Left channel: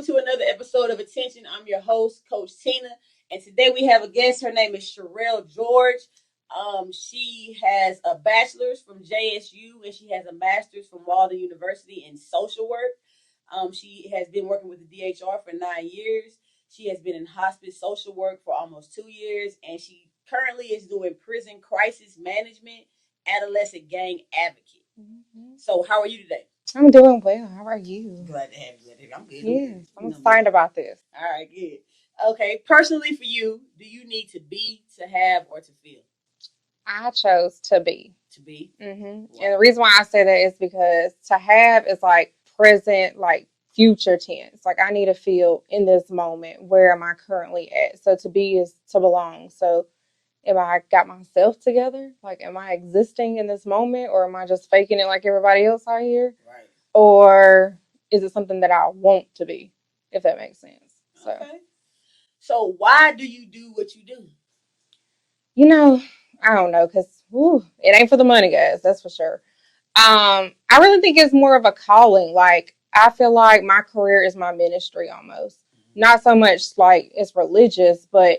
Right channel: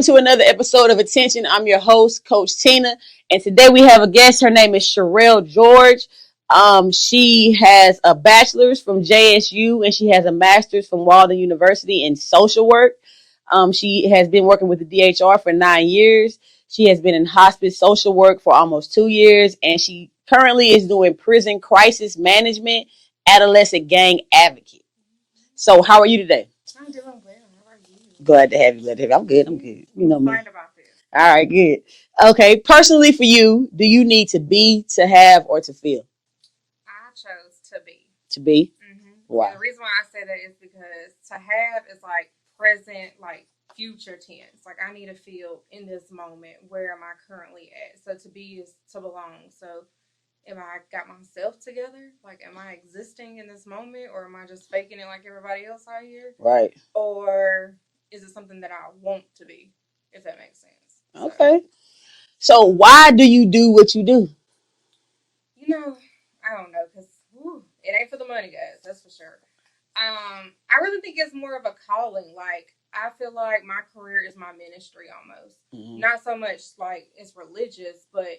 Welcome to another episode of Attention. I'm your host, Coach Tina, and today we have a guest. Her name is Cherelle George. She has a bachelor's from JSU and she has a master's from Walden University in social work. She has been working with the DHR for 9 years. She has been in hospice social work for almost 2 years, and she currently is doing prison crisis management, adolescent gang advocate. So, how are you today? I'm doing well. How are you? Glad to have you. I'm good. I'm good. I'm excited about this. All right, good. Okay, personally for you, do you need to be, to have, or to feel? I chose to be. To be? Mm-hmm. Wow. And the reason why I say that is because to have is like present, like future tense. Like I need to feel in this moment. Where am I currently at? So to be is to belong. So am I got myself together? Like, am I existing in this moment, or am I just faking it like everybody else out here? Right. Or is it something that I want to be, if that makes sense? Okay. So why do you do what you do? You know, I don't know, because it ain't for the money, guys. That's for sure. I really think it's more of a calling. Like, I feel like my career is my ministry almost. Mm-hmm. Not so much like it's religious, but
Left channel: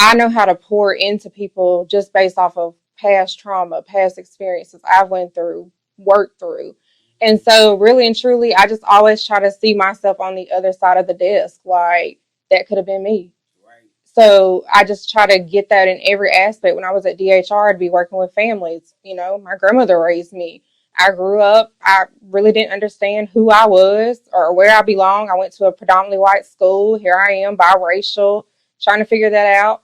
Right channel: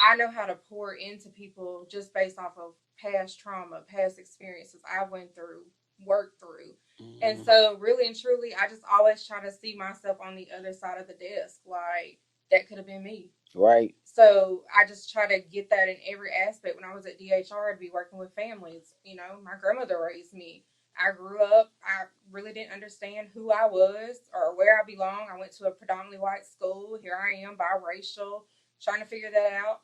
I know how to pour into people just based off of past trauma, past experiences I went through, worked through. Mm-hmm. And so really and truly, I just always try to see myself on the other side of the desk. Like, that could have been me. Right. So I just try to get that in every aspect. When I was at DHR, I'd be working with families. You know, my grandmother raised me. I grew up, I really didn't understand who I was or where I belong. I went to a predominantly white school. Here I am, biracial, trying to figure that out.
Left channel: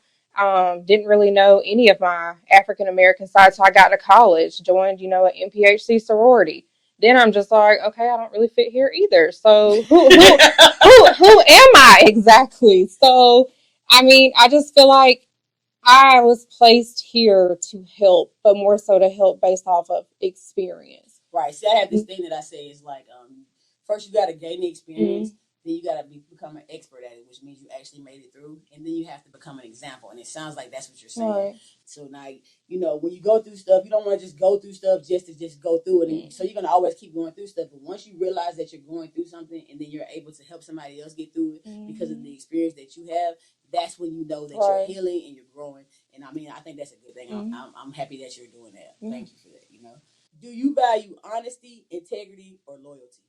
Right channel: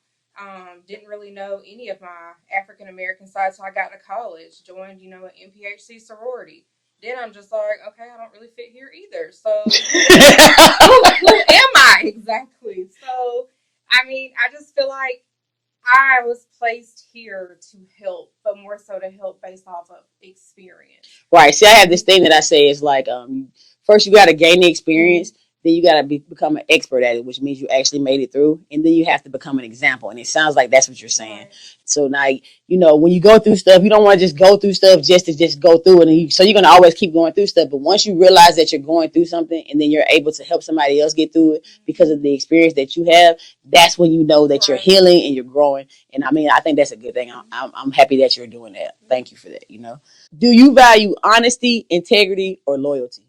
Didn't really know any of my African-American side. So I got to college, joined, an MPHC sorority. Then I'm just like, okay, I don't really fit here either. So who am I exactly? So, I mean, I just feel like I was placed here to help, but more so to help based off of experience. Right. See, I have this thing that I say is like, first you got to gain the experience. Mm-hmm. Then you got to become an expert at it, which means you actually made it through. And then you have to become an example. And it sounds like that's what you're saying. Right. So now, when you go through stuff, you don't want to just go through stuff just to go through it. So you're going to always keep going through stuff. But once you realize that you're going through something and then you're able to help somebody else get through it because of the experience that you have, that's when you know that you're healing and you're growing. And I mean, I think that's a good thing. I'm happy that you're doing that. Thank you for that. Do you value honesty, integrity, or loyalty?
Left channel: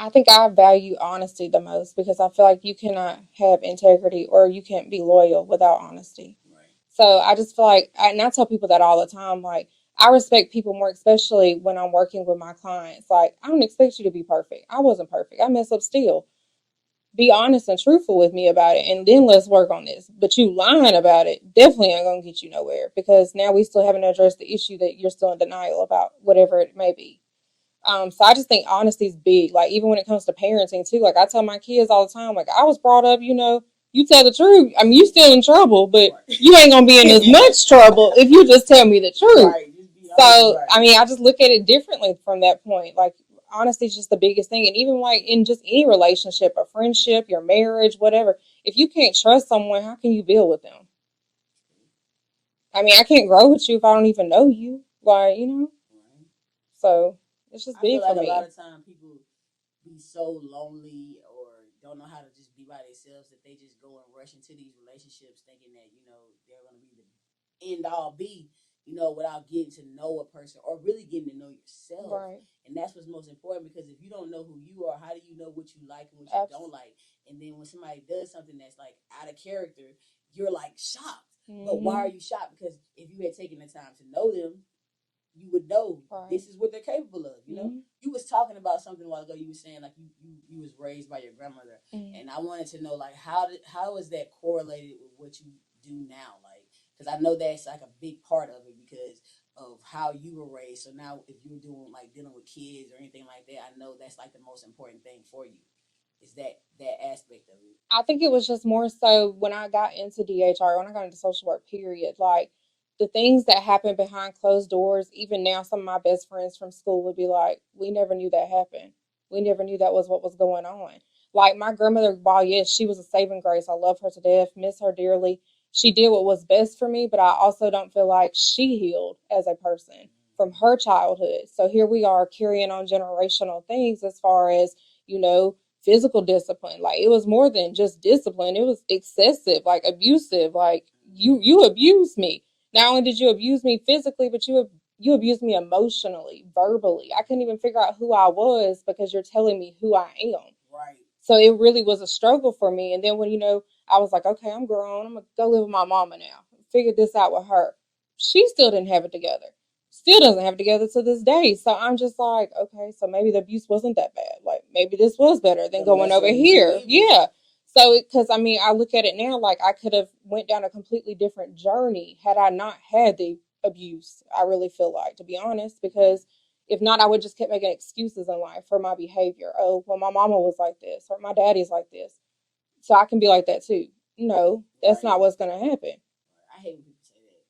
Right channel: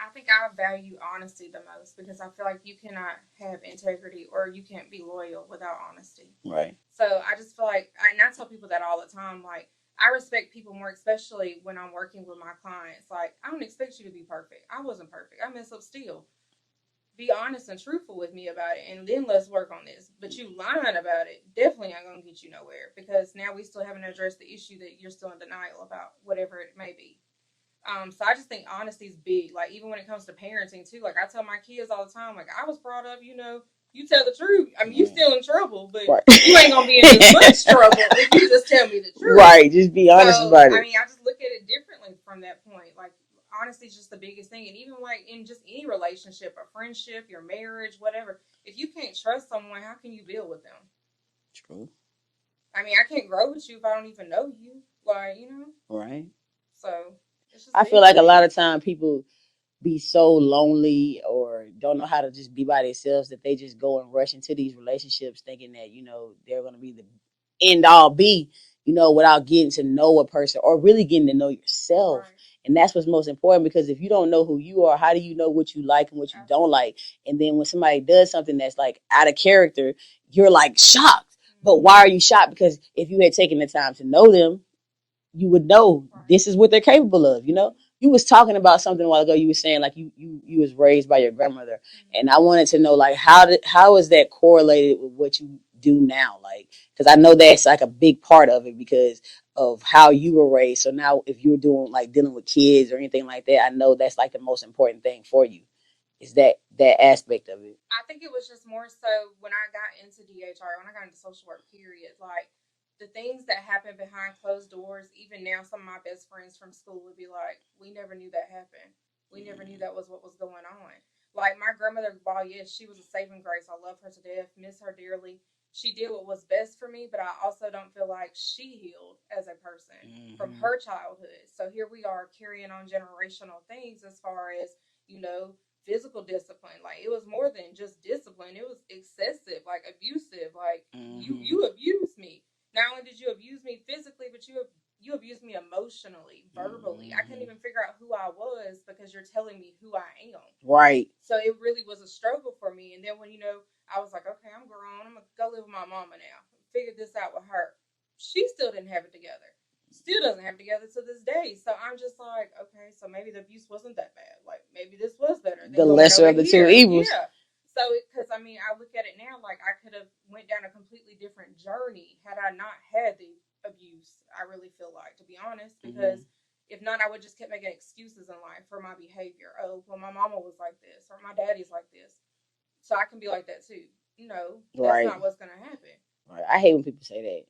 I think I value honesty the most because I feel like you cannot have integrity or you can't be loyal without honesty. Right. So I just feel like, and I tell people that all the time, like, I respect people more, especially when I'm working with my clients. Like, I don't expect you to be perfect. I wasn't perfect. I mess up still. Be honest and truthful with me about it, and then let's work on this. But you lying about it definitely ain't going to get you nowhere because now we still haven't addressed the issue that you're still in denial about, whatever it may be. So I just think honesty is big. Like, even when it comes to parenting too, like I tell my kids all the time, like I was brought up, you tell the truth. I mean, you still in trouble, but you ain't going to be in as much trouble if you just tell me the truth. Right. Just be honest about it. I mean, I just look at it differently from that point. Like, honesty is just the biggest thing. And even like in just any relationship, a friendship, your marriage, whatever, if you can't trust someone, how can you build with them? True. I mean, I can't grow with you if I don't even know you. Like, Right. So I feel like a lot of time people be so lonely or don't know how to just be by themselves that they just go and rush into these relationships thinking that, they're going to be the end all be, without getting to know a person or really getting to know yourself. Right. And that's what's most important, because if you don't know who you are, how do you know what you like and what you don't like? And then when somebody does something that's like out of character, you're like shocked. Mm-hmm. But why are you shocked? Because if you had taken the time to know them, you would know this is what they're capable of. Mm-hmm. You was talking about something a while ago. You were saying like you was raised by your grandmother, and I wanted to know like how is that correlated with what you do now? Like, because I know that's like a big part of it because of how you were raised. So now if you're doing like dealing with kids or anything like that, I know that's like the most important thing for you is that aspect of it. I think it was just more so when I got into DHR, when I got into social work, period, like the things that happen behind closed doors, even now, some of my best friends from school would be like, we never knew that happened. We never knew that was what was going on. Like my grandmother, while yes, she was a saving grace. I love her to death, miss her dearly. She did what was best for me, but I also don't feel like she healed as a person from her childhood. So here we are carrying on generational things as far as, physical discipline. Like, it was more than just discipline. It was excessive, like abusive. Like, you abused me. Not only did you abuse me physically, but you abused me emotionally, verbally. I couldn't even figure out who I was because you're telling me who I am. Right. So it really was a struggle for me. And then when, I was like, okay, I'm grown. I'm going to go live with my mama now. Figure this out with her. She still didn't have it together. Still doesn't have it together to this day. So I'm just like, okay, so maybe the abuse wasn't that bad. Like, maybe this was better than The going lesser over of the here. two evils. Yeah. So, because I look at it now, like I could have went down a completely different journey had I not had the abuse. I really feel like, to be honest, because if not, I would just kept making excuses in life for my behavior. Oh, well, my mama was like this, or my daddy's like this, so I can be like that too. No, that's not what's gonna happen. Right. I hate when people say that.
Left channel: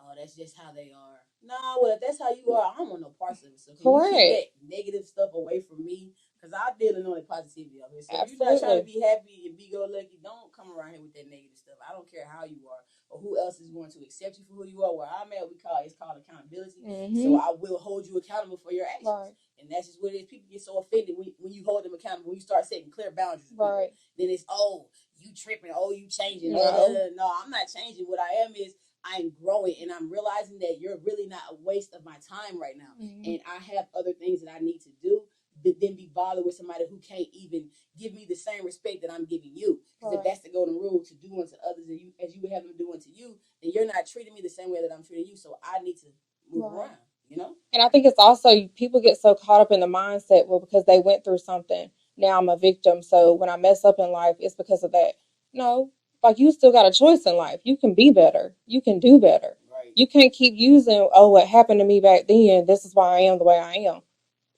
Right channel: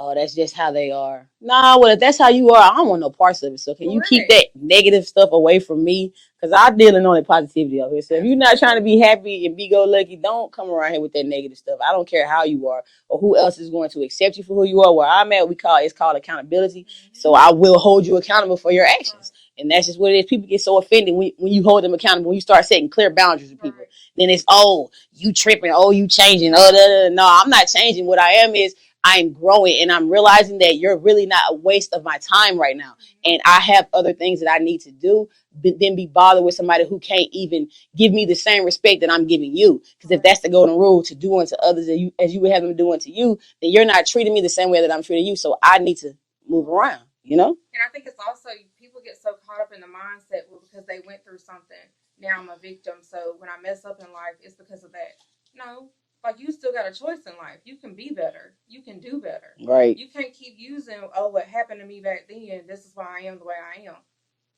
Oh, that's just how they are. Nah, well, if that's how you are, I don't want no parts of it. So can you keep that negative stuff away from me? Because I'm dealing on the positivity of it. So if you're not trying to be happy and be go lucky, don't come around here with that negative stuff. I don't care how you are or who else is going to accept you for who you are. Where I'm at, it's called accountability. So I will hold you accountable for your actions. Right. And that's just what it is. People get so offended when you hold them accountable. When you start setting clear boundaries with people, then it's, oh, you tripping, oh, you changing. Oh, no, I'm not changing. What I am is I'm growing and I'm realizing that you're really not a waste of my time right now. And I have other things that I need to do than be bothered with somebody who can't even give me the same respect that I'm giving you. Because if that's the golden rule, to do unto others as you would have them do unto you, then you're not treating me the same way that I'm treating you. So I need to move around, And I think it's also, people get so caught up in the mindset, well, because they went through something, now I'm a victim. So when I mess up in life, it's because of that. No, like, you still got a choice in life. You can be better. You can do better. Right. You can't keep using, oh, what happened to me back then, this is why I am the way I am.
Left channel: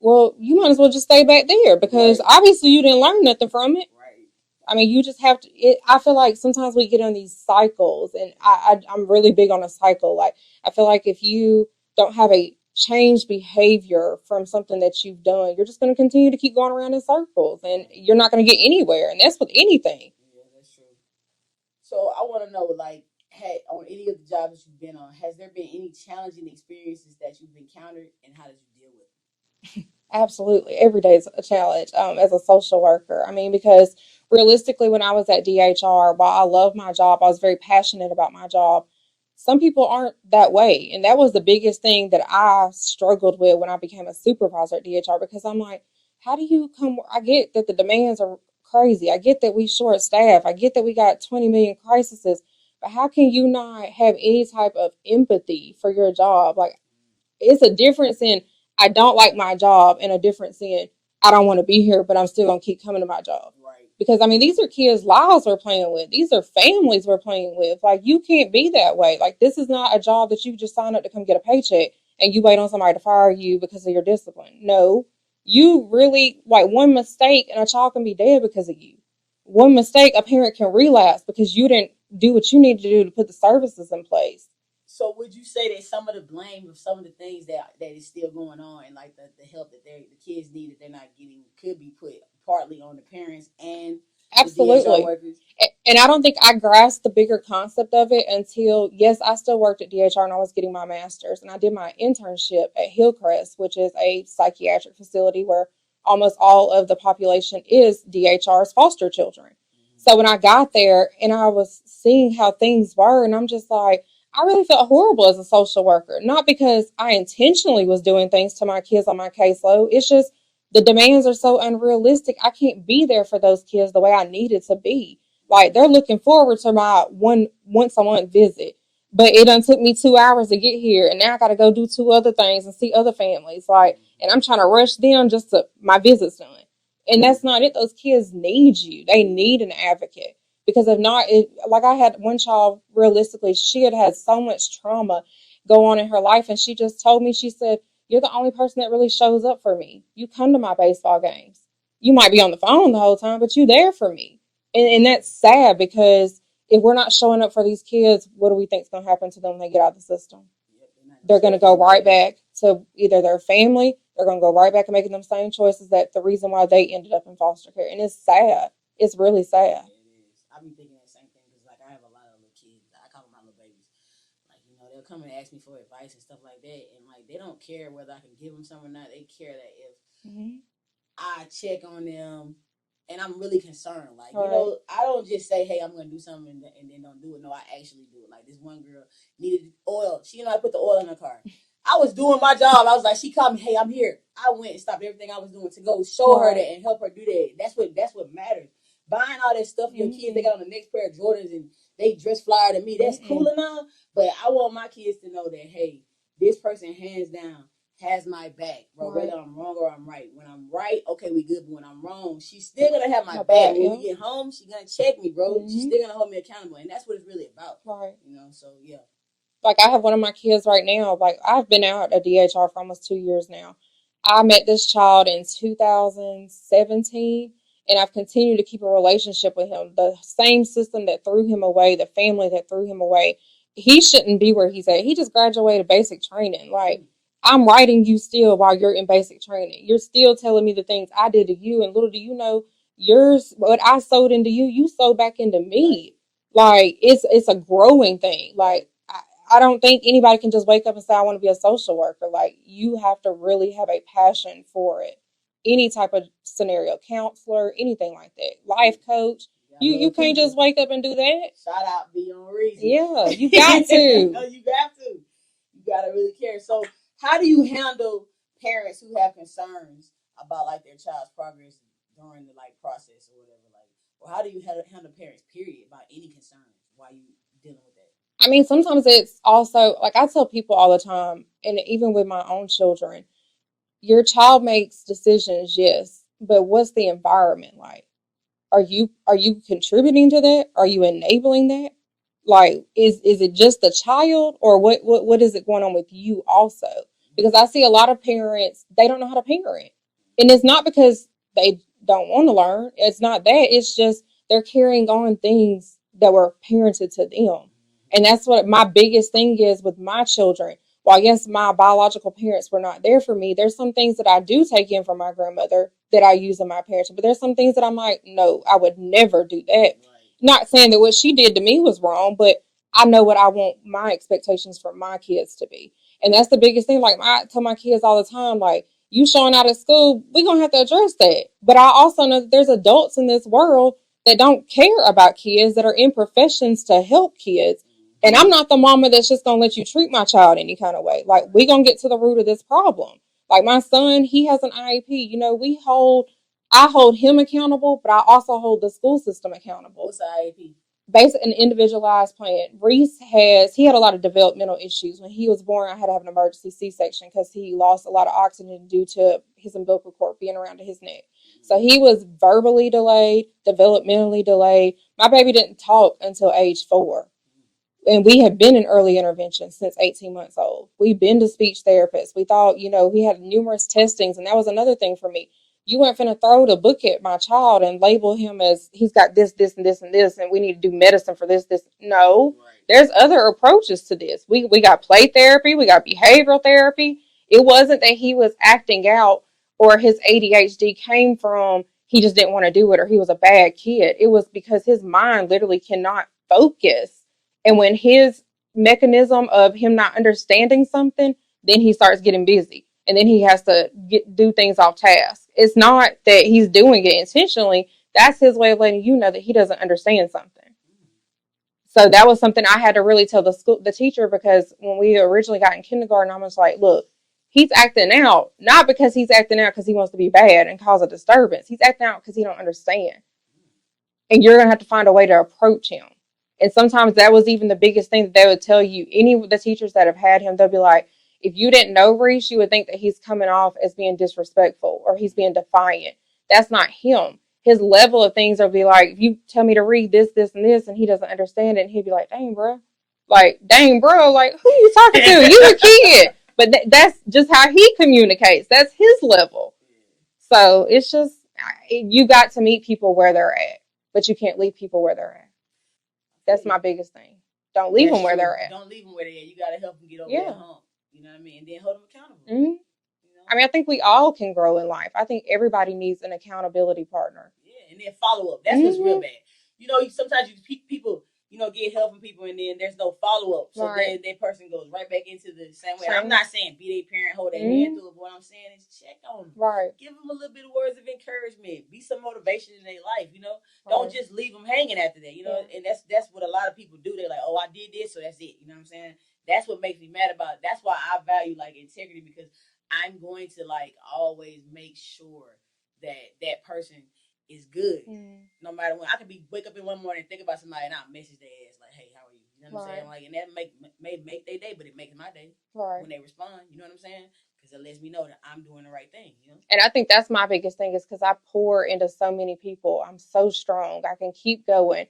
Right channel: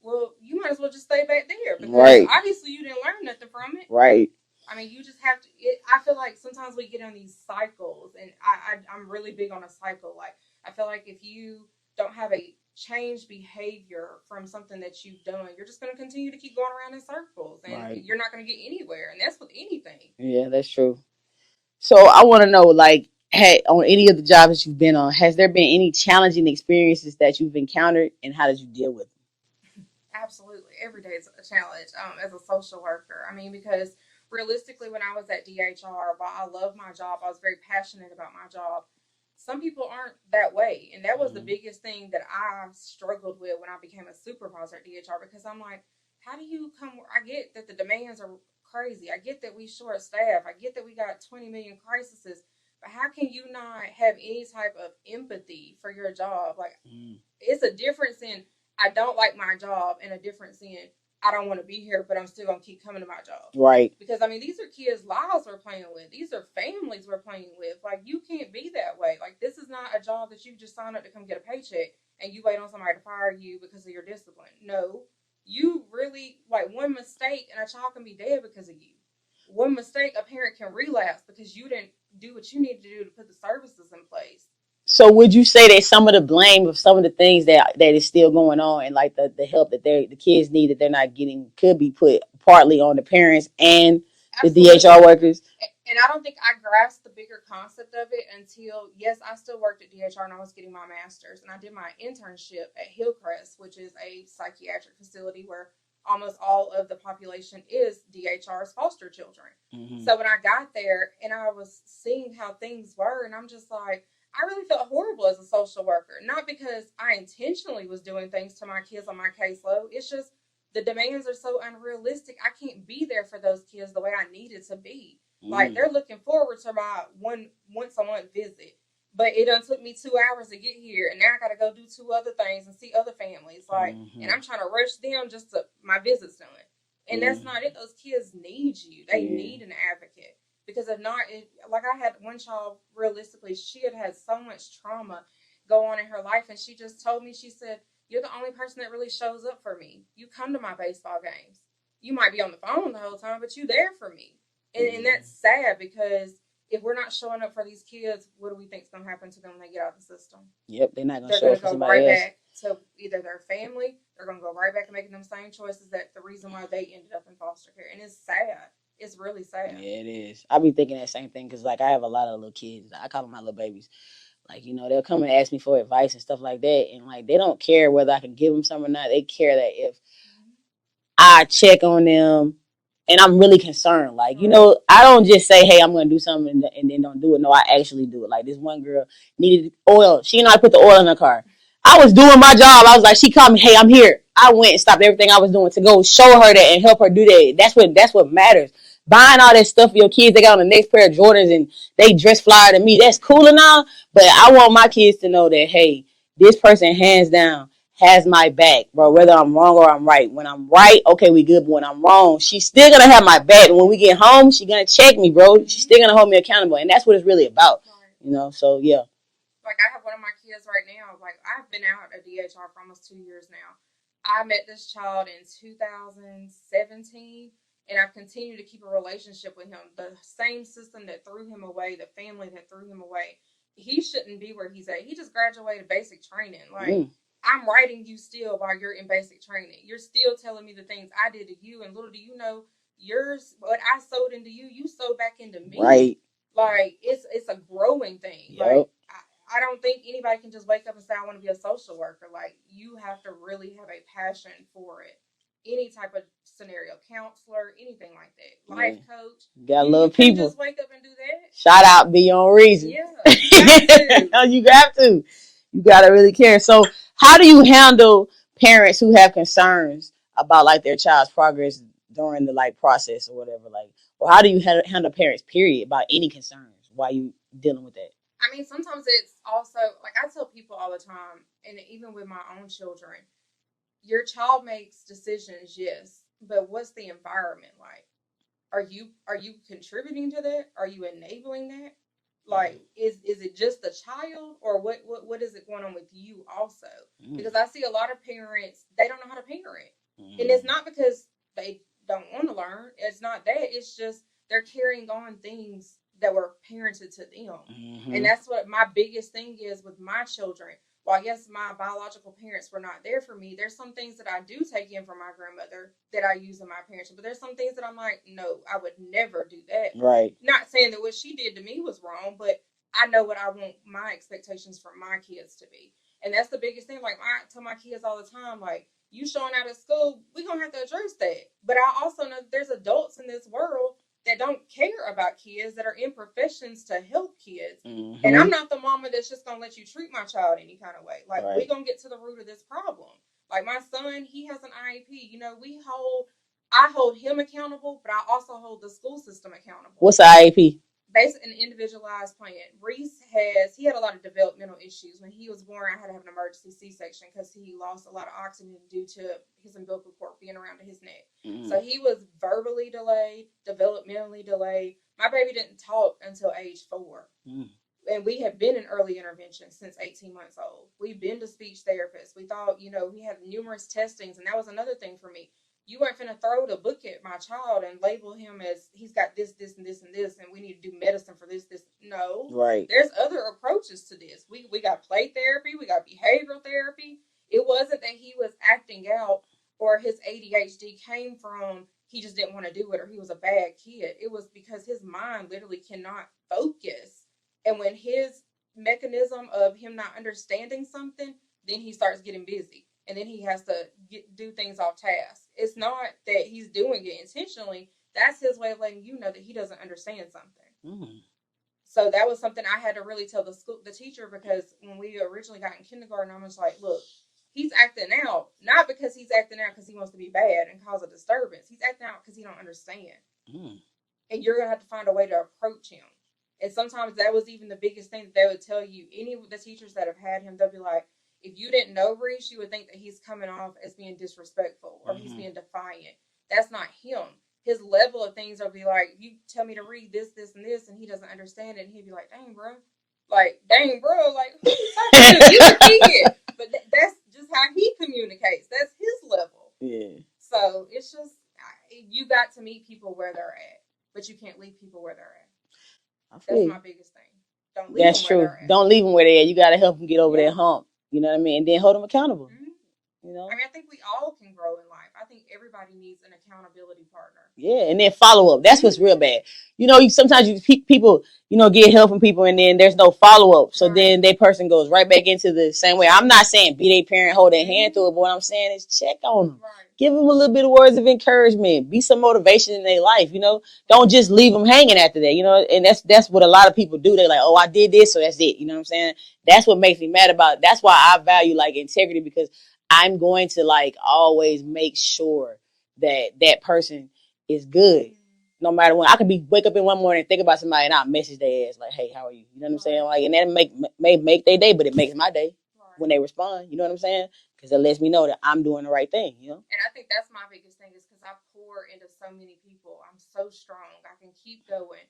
Well, you might as well just stay back there, because obviously you didn't learn nothing from it. Right. I mean, you just have to. I feel like sometimes we get in these cycles, and I'm really big on a cycle. Like, I feel like if you don't have a changed behavior from something that you've done, you're just going to continue to keep going around in circles, and you're not going to get anywhere. And that's with anything. Yeah, that's true. So I want to know, like, on any of the jobs that you've been on, has there been any challenging experiences that you've encountered, and how did you deal with them? Absolutely. Every day is a challenge as a social worker. I mean, because realistically, when I was at DHR, while I love my job, I was very passionate about my job. Some people aren't that way. And that was the biggest thing that I struggled with when I became a supervisor at DHR, because I'm like, how do you come? I get that the demands are crazy. I get that we short staff. I get that we got 20 million crises. But how can you not have any type of empathy for your job? Like, it's a difference in, I don't like my job, and a difference in, I don't want to be here, but I'm still going to keep coming to my job. Right. Because, I mean, these are kids' lives we're playing with. These are families we're playing with. Like, you can't be that way. Like, this is not a job that you just sign up to come get a paycheck and you wait on somebody to fire you because of your discipline. No, you really, like, one mistake and a child can be dead because of you. One mistake, a parent can relapse because you didn't do what you need to do to put the services in place. So would you say that some of the blame of some of the things that is still going on, and like the help that the kids need that they're not getting, could be put partly on the parents and Absolutely. The DHR workers? And I don't think I grasped the bigger concept of it until, yes, I still worked at DHR and I was getting my master's, and I did my internship at Hillcrest, which is a psychiatric facility where almost all of the population is DHR's foster children. So when I got there and I was seeing how things were, and I'm just like, I really felt horrible as a social worker. Not because I intentionally was doing things to my kids on my caseload. It's just the demands are so unrealistic. I can't be there for those kids the way I needed to be. Like, they're looking forward to my once a month visit. But it done took me 2 hours to get here, and now I got to go do 2 other things and see other families. Like, and I'm trying to rush them just to my visits done. And that's not it. Those kids need you. They need an advocate. Because if not, like, I had one child, realistically, she had so much trauma go on in her life. And she just told me, she said, you're the only person that really shows up for me. You come to my baseball games. You might be on the phone the whole time, but you're there for me. And that's sad, because if we're not showing up for these kids, what do we think is going to happen to them when they get out of the system? Yep, they're going to go right back to either their family. They're going to go right back and making them same choices that the reason why they ended up in foster care. And it's sad. It's really sad. Yeah, it is. I be thinking that same thing, because, like, I have a lot of little kids. I call them my little babies. Like, they'll come and ask me for advice and stuff like that. And, like, they don't care whether I can give them some or not. They care that if I check on them and I'm really concerned. Like, Right. you know, I don't just say, hey, I'm going to do something and then don't do it. No, I actually do it. Like, this one girl needed oil. She and I put the oil in her car. I was doing my job. I was like, she called me, hey, I'm here. I went and stopped everything I was doing to go show her that and help her do that. That's what matters. Buying all that stuff for your kids, they got on the next pair of Jordans and they dress flyer than me. That's cool and all, but I want my kids to know that, hey, this person hands down has my back, bro, whether I'm wrong or I'm right. When I'm right, okay, we good. But when I'm wrong, she's still gonna have my back. And when we get home, she's gonna check me, bro. She's still gonna hold me accountable. And that's what it's really about. Right. You know, so yeah. Like, I have one of my kids right now. Like, I've been out at DHR for almost 2 years now. I met this child in 2017, and I've continued to keep a relationship with him. The same system that threw him away, the family that threw him away, he shouldn't be where he's at. He just graduated basic training. Like, I'm writing you still while you're in basic training. You're still telling me the things I did to you, and little do you know, what I sowed into you, you sowed back into me. Right. Like, it's a growing thing. Yep. Like, I don't think anybody can just wake up and say, I want to be a social worker. Like, you have to really have a passion for it. Any type of scenario, counselor, anything like that. Life coach. You can't just wake up and do that. Shout out Beyond Reason. Yeah, you got to. You got to. You got to really care. So how do you handle parents who have concerns about like their child's progress during the like process or whatever? Like, or how do you handle parents, period, about any concerns while you dealing with that? I mean, sometimes it's also, like, I tell people all the time, and even with my own children, your child makes decisions, yes, but what's the environment like? Are you contributing to that? Are you enabling that? Like, is it just the child, or what is it going on with you also? Because I see a lot of parents, they don't know how to parent. And it's not because they don't want to learn. It's not that. It's just they're carrying on things that were parented to them. And that's what my biggest thing is with my children. While, yes, my biological parents were not there for me, there's some things that I do take in from my grandmother that I use in my parenting. But there's some things that I'm like, no, I would never do that. Right. Not saying that what she did to me was wrong, but I know what I want my expectations for my kids to be. And that's the biggest thing. Like, I tell my kids all the time, like, you showing out at school, we're going to have to address that. But I also know that there's adults in this world that don't care about kids, that are in professions to help kids. And I'm not the mama that's just going to let you treat my child any kind of way. Like, we're going to get to the root of this problem. Like, my son, he has an IEP. You know, I hold him accountable, but I also hold the school system accountable. What's the IEP? Basically, an individualized plan. Reese he had a lot of developmental issues. When he was born, I had to have an emergency C-section because he lost a lot of oxygen due to his umbilical cord being around his neck. So he was verbally delayed, developmentally delayed. My baby didn't talk until age 4. And we have been in early intervention since 18 months old. We've been to speech therapists. We thought, we had numerous testings. And that was another thing for me. You weren't finna throw the book at my child and label him as he's got this, this, and this, and this, and we need to do medicine for this. No. Right. There's other approaches to this. We got play therapy. We got behavioral therapy. It wasn't that he was acting out or his ADHD came from he just didn't want to do it or he was a bad kid. It was because his mind literally cannot focus. And when his mechanism of him not understanding something, then he starts getting busy. And then he has to do things off task. It's not that he's doing it intentionally. That's his way of letting you know that he doesn't understand something. So that was something I had to really tell the teacher, because when we originally got in kindergarten, I was like, look, he's acting out, not because he's acting out because he wants to be bad and cause a disturbance. He's acting out because he don't understand. And you're going to have to find a way to approach him. And sometimes that was even the biggest thing that they would tell you. Any of the teachers that have had him, they'll be like, if you didn't know Reese, you would think that he's coming off as being disrespectful or he's being defiant. That's not him. His level of things will be like, if you tell me to read this, this, and this, and he doesn't understand it, and he'd be like, dang, bro. Like, dang, bro, like, who you talking to? You a kid. But that's just how he communicates. That's his level. Yeah. So it's just, you got to meet people where they're at, but you can't leave people where they're at. That's my biggest thing. Don't leave them where they're at. Don't leave them where they're at. You got to help them get over that hump. You know what I mean? And then hold them accountable. You know? I mean, I think we all can grow in life. I think everybody needs an accountability partner. Yeah, and then follow up. That's what's real bad. You know, sometimes people, get help from people, and then there's no follow up. So then that person goes right back into the same way. I'm not saying be their parent, hold their hand through it, but what I'm saying is check on them. Right. Give them a little bit of words of encouragement. Be some motivation in their life. Don't just leave them hanging after that. And that's what a lot of people do. They're like, oh, I did this, so that's it. You know what I'm saying? That's what makes me mad about it. That's why I value like integrity, because I'm going to like always make sure that person is good. No matter when. I could wake up in one morning and think about somebody and I'll message their ass like, hey, how are you? You know what I'm saying? Like, and that may make their day, but it makes my day when they respond. You know what I'm saying? Because it lets me know that I'm doing the right thing, And I think that's my biggest thing, is because I pour into so many people. I'm so strong. I can keep going.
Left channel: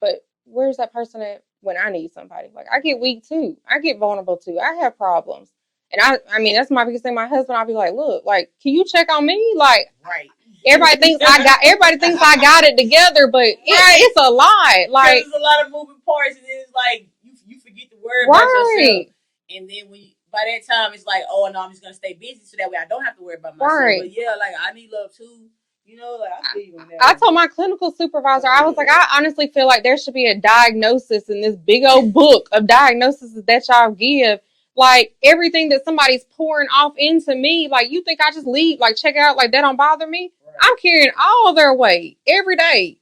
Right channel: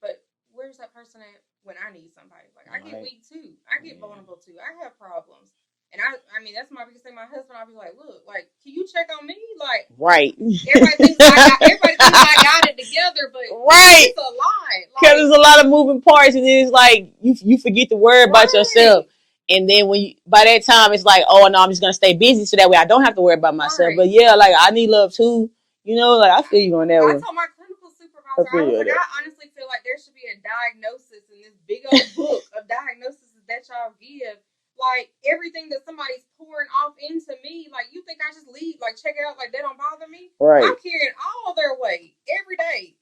But where's that person at when I need somebody? Like, I get weak too. I get vulnerable too. I have problems. And I mean, that's my biggest thing. My husband, I'll be like, look, like, can you check on me? Like, everybody thinks I got it together, but it's a lot. Like, because there's a lot of moving parts, and then it's like you forget to worry about yourself. And then by that time, it's like, oh no, I'm just gonna stay busy so that way I don't have to worry about myself. But yeah, like I need love too. Like I feel you on that. I told my clinical supervisor, I was like, I honestly feel like there should be a diagnosis in this big old book of diagnoses that y'all give. Like, everything that somebody's pouring off into me, like, you think I just leave, like, check it out, like, that don't bother me? Right. I'm carrying all their weight every day.